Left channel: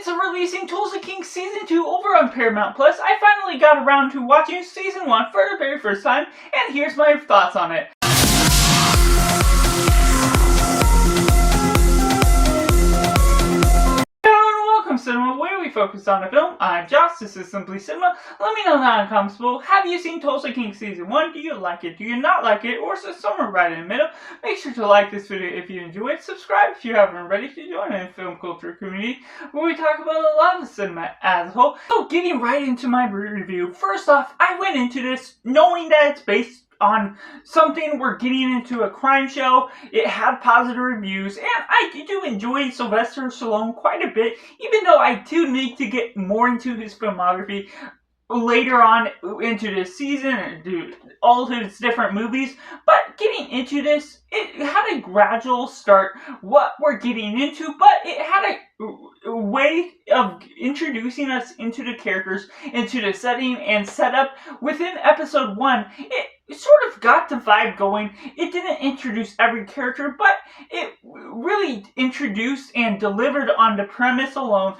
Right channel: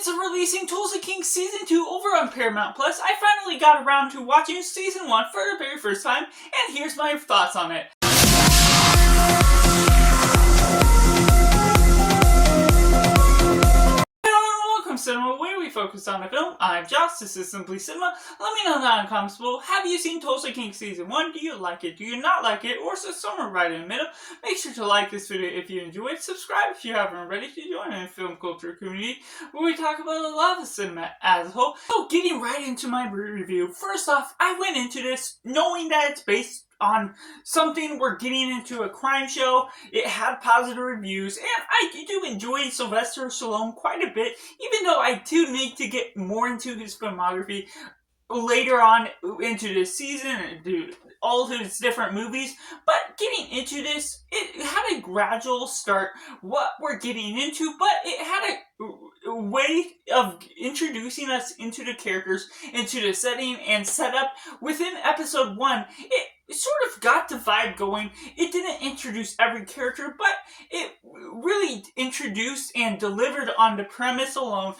midst of releasing Tulsa King Season 2 over on Paramount Plus, I finally got around to watching Season 1 for the very first time, and here's my thoughts on it. Cinema, where we focus on the film. I'm Josh, this is Simply Cinema. Let me know down in the comments below, have you seen Tulsa King Season 1? Do you like it? Do you not like it? Or is it somewhere right in the middle? Make sure to like this video if you enjoy it. Subscribe if you haven't already to join the film culture community where we talk about a lot of cinema as a whole. So getting right into my review. First off, I went into this knowing that it's based on something we're getting into a crime show. It had positive reviews, and I do enjoy Sylvester Stallone quite a bit, even though I do need to get more into his filmography later on into this season and do all of his different movies. But getting into this, it had a gradual start, what we're getting into, but it had a way of introducing us into the characters, into the setting and setup. Within episode 1, it sort of got the vibe going. It didn't introduce every character, but it really introduced and delivered on the premise alone,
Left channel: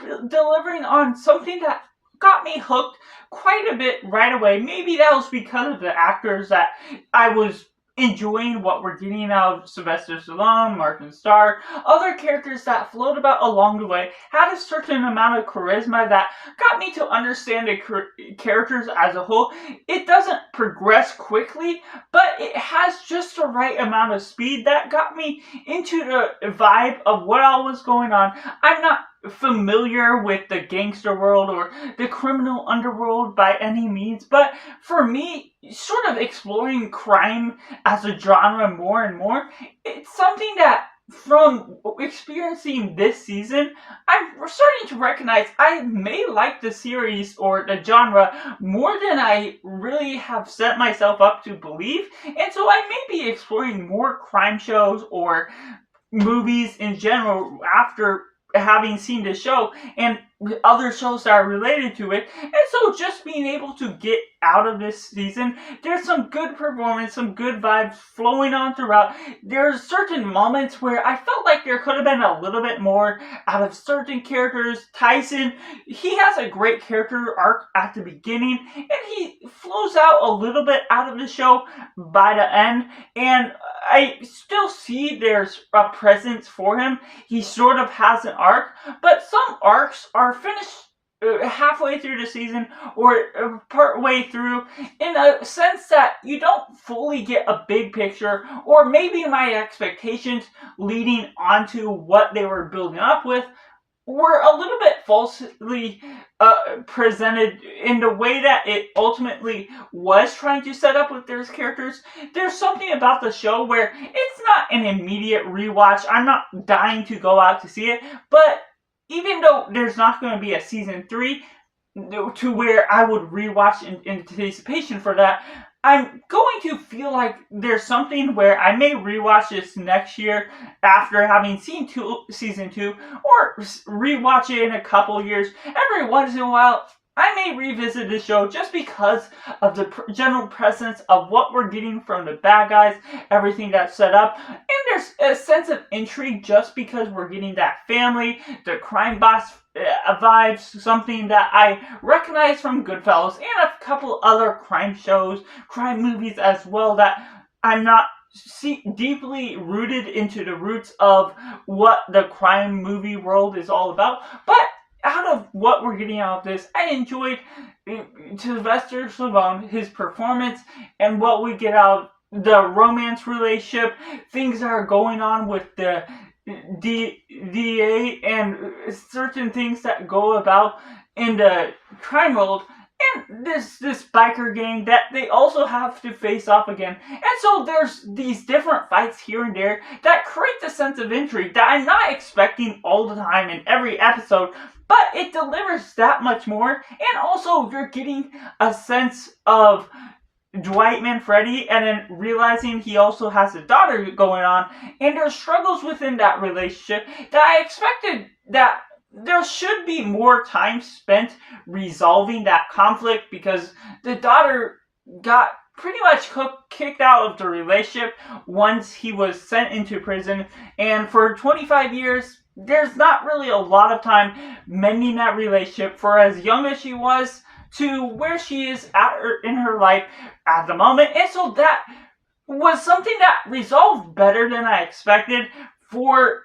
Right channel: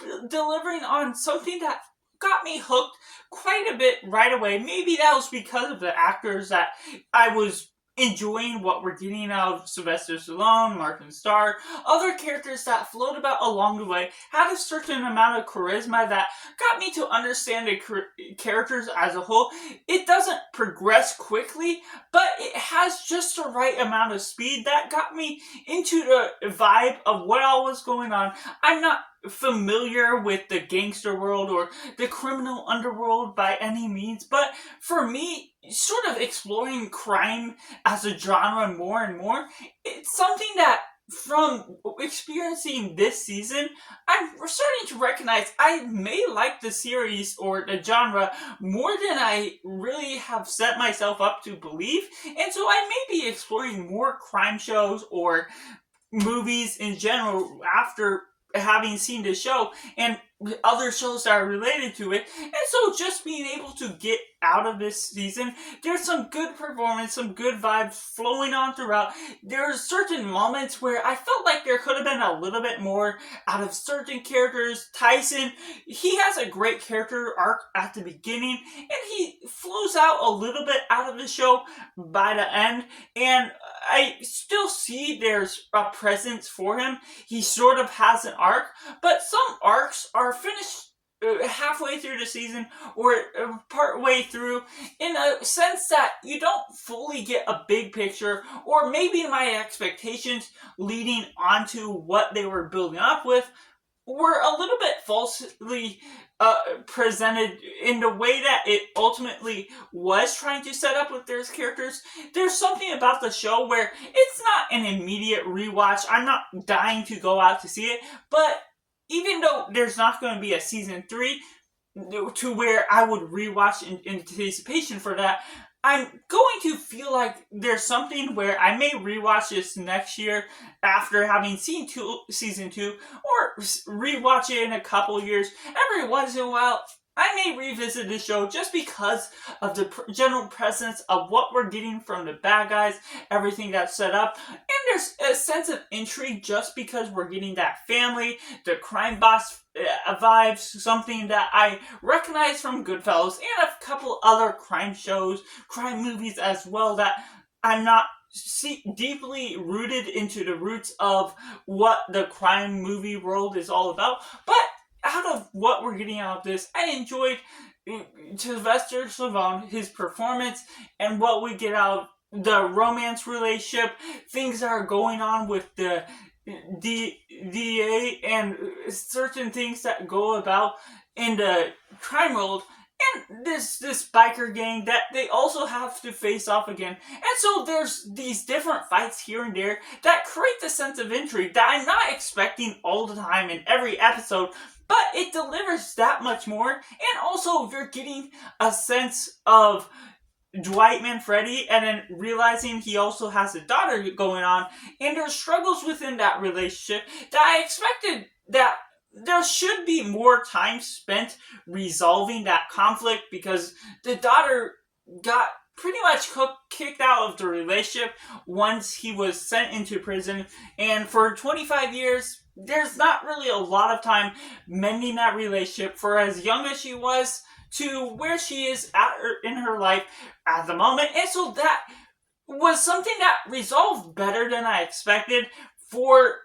and delivering on something that got me hooked quite a bit right away. Maybe that was because of the actors that I was enjoying what we're getting out of Sylvester Stallone, Martin Starr, other characters that float about along the way, had a certain amount of charisma that got me to understand the characters as a whole. It doesn't progress quickly, but it has just the right amount of speed that got me into the vibe of what all was going on. I'm not familiar with the gangster world or the criminal underworld by any means, but for me, sort of exploring crime as a genre more and more, it's something that from experiencing this season, I'm starting to recognize I may like the series or the genre more than I really have set myself up to believe, and so I may be exploring more crime shows or movies in general after having seen the show and other shows that are related to it. And so just being able to get out of this season, there's some good performance, some good vibes flowing on throughout. There's certain moments where I felt like there could have been a little bit more out of certain characters. Tyson, he has a great character arc at the beginning, and he flows out a little bit out of the show by the end, and I still see there's a presence for him. He sort of has an arc, but some arcs are finished halfway through the season or part way through, in a sense that you don't fully get a big picture, or maybe my expectations leading onto what they were building up with were a little bit falsely presented in the way that it ultimately was trying to set up with those characters. There's something about the show where it's not an immediate rewatch. I'm not dying to go out to see it, but even though there's not going to be a season 3 to where I would rewatch in anticipation for that, I'm going to feel like there's something where I may rewatch this next year after having seen season 2, or rewatch it in a couple years. Every once in a while, I may revisit this show just because of the general presence of what we're getting from the bad guys, everything that's set up, and there's a sense of intrigue just because we're getting that family, the crime boss vibes, something that I recognize from Goodfellas and a couple other crime shows, crime movies as well, that I'm not deeply rooted into the roots of what the crime movie world is all about. But out of what we're getting out of this, I enjoyed Sylvester Stallone, his performance, and what we get out of the romance relationship, things that are going on with the DA, and certain things that go about in the crime world, and this biker gang that they also have to face off again. And so there's these different fights here and there that create a sense of intrigue that I'm not expecting all the time in every episode, but it delivers that much more. And also you're getting a sense of Dwight Manfredi, and then realizing he also has a daughter going on, and there's struggles within that relationship that I expected that there should be more time spent resolving that conflict, because the daughter got pretty much kicked out of the relationship once he was sent into prison, and for 25 years there's not really a lot of time mending that relationship for as young as she was to where she is in her life at the moment. And so that was something that resolved better than I expected for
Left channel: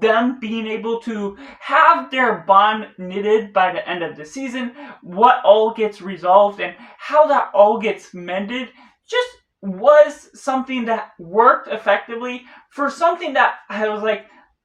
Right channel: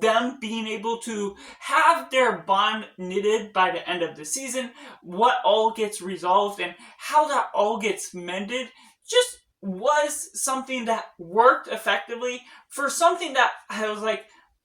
them being able to have their bond knitted by the end of the season, what all gets resolved and how that all gets mended just was something that worked effectively for something that I was like,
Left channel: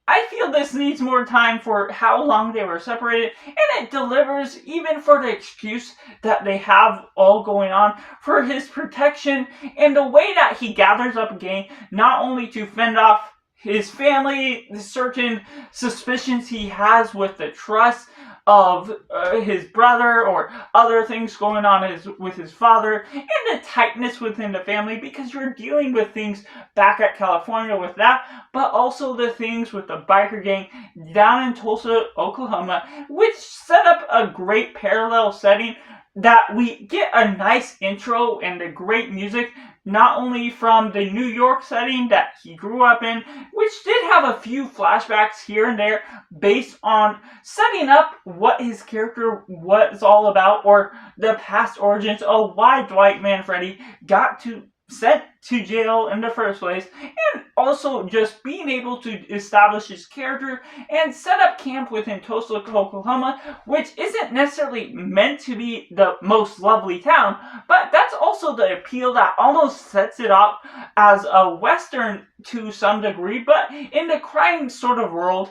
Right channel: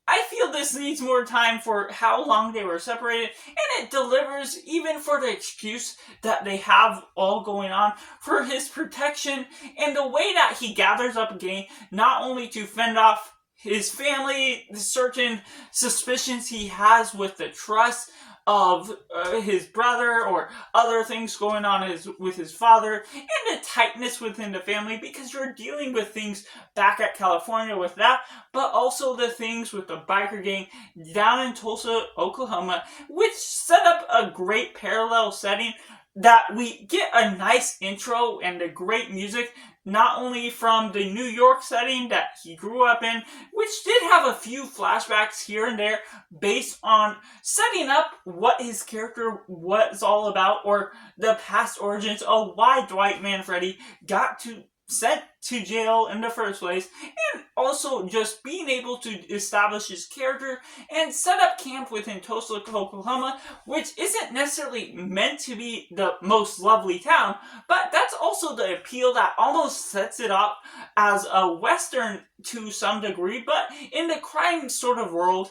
I feel this needs more time for how long they were separated, and it delivers even for the excuse that they have all going on for his protection and the way that he gathers up a gang, not only to fend off his family, the certain suspicions he has with the trust of his brother or other things going on with his father, and the tightness within the family because you're dealing with things back at California with that, but also the things with the biker gang down in Tulsa, Oklahoma, which set up a great parallel setting that we get a nice intro and a great music, not only from the New York setting that he grew up in, which did have a few flashbacks here and there based on setting up what his character was all about, or the past origins of why Dwight Manfredi got sent to jail in the first place, and also just being able to establish his character and set up camp within Tulsa, Oklahoma, which isn't necessarily meant to be the most lovely town, but that's also the appeal that almost sets it up as a Western to some degree, but in the crime sort of world,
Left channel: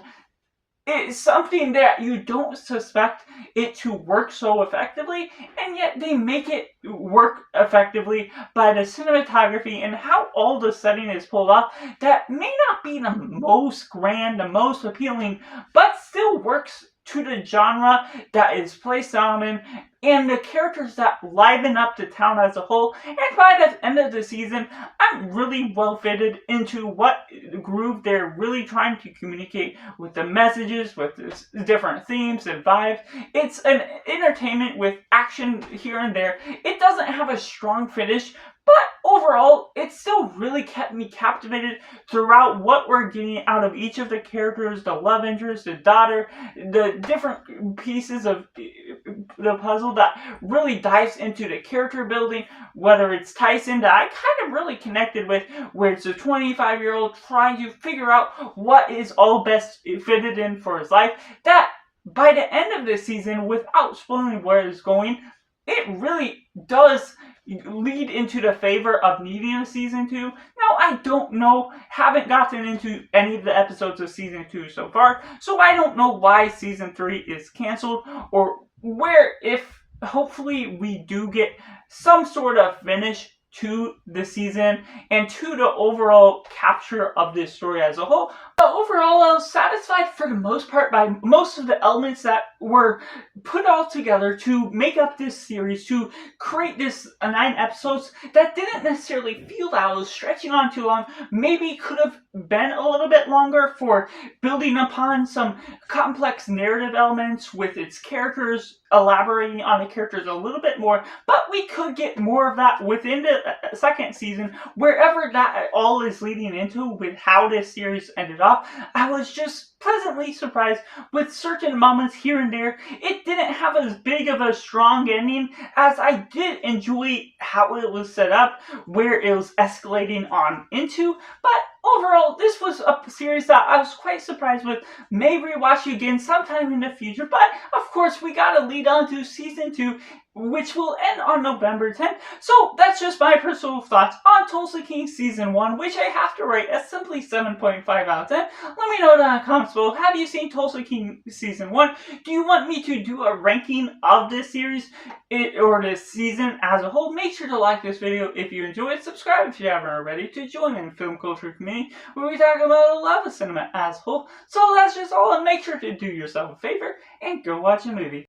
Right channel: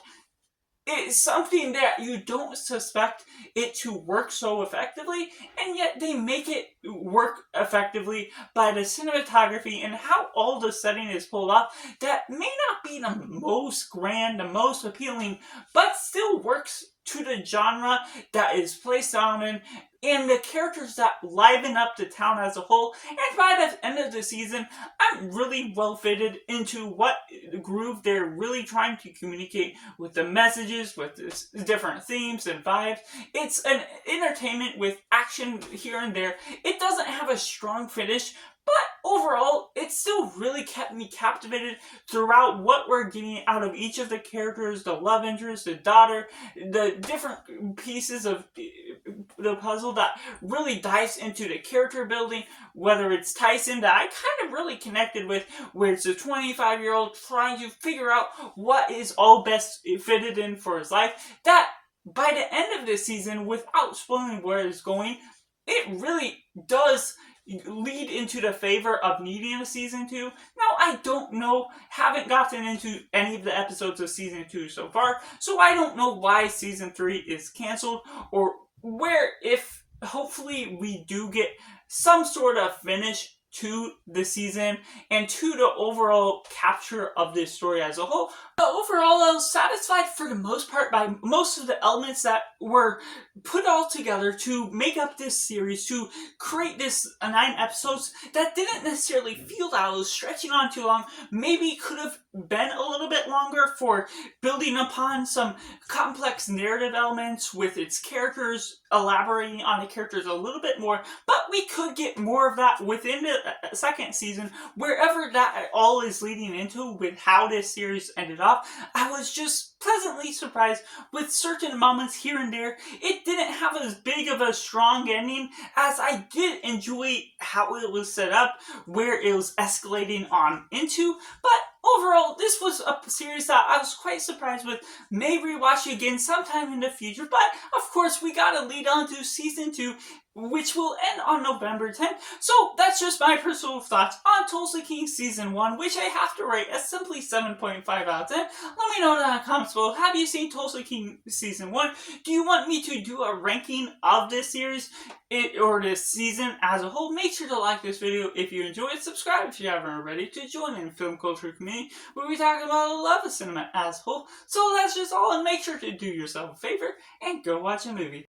it's something that you don't suspect it to work so effectively, and yet they make it work effectively by the cinematography and how all the setting is pulled off that may not be the most grand, the most appealing, but still works to the genre that is placed on in, and the characters that liven up the town as a whole. And by the end of the season, I'm really well fitted into what groove they're really trying to communicate with the messages, with the different themes and vibes. It's an entertainment with action here and there. It doesn't have a strong finish, but overall, it still really kept me captivated throughout what we're getting out of each of the characters, the love interest, the daughter, the different pieces of the puzzle that really dives into the character building, whether it's Tyson that I kind of really connected with, where it's a 25-year-old trying to figure out what is all best fitted in for his life, that by the end of this season, without spoiling where it's going, it really does lead into the favor of needing a season 2. Now, I don't know, haven't gotten into any of the episodes of season 2 so far, so I don't know why season 3 is canceled, or where, if hopefully we do get some sort of finish to the season and to the overall capture of this story as a whole. But overall, I was satisfied for the most part by most of the elements that were put all together to make up this series, to create this 9 episodes that didn't necessarily feel that I was stretching on too long. Maybe could have been a little bit longer for building upon some complex narrative elements with its characters, elaborating on the characters a little bit more, but we could get more of that within the second season, wherever that all is leading into with how this series ended off. I was just pleasantly surprised with certain moments here and there. It didn't have as big of a strong ending as I did enjoy how it was set up, where it was escalating on into, but overall, this was a series that I was quite surprised with. May rewatch again sometime in the future, but of course, we gotta lead on to season 2, which will end on November 10th. So that's just my personal thoughts on Tulsa King Season 1, which I have to rate as simply 7.5 out of 10. Let me know down in the comments below. Have you seen Tulsa King Season 1? Do you want me to do a ranking of this series or this season as a whole? Make sure to like this video if you enjoy it. Subscribe if you haven't already to join in the film culture community where we talk about the love of cinema as a whole. So that's just all, and make sure to do yourself a favor and go watch a movie.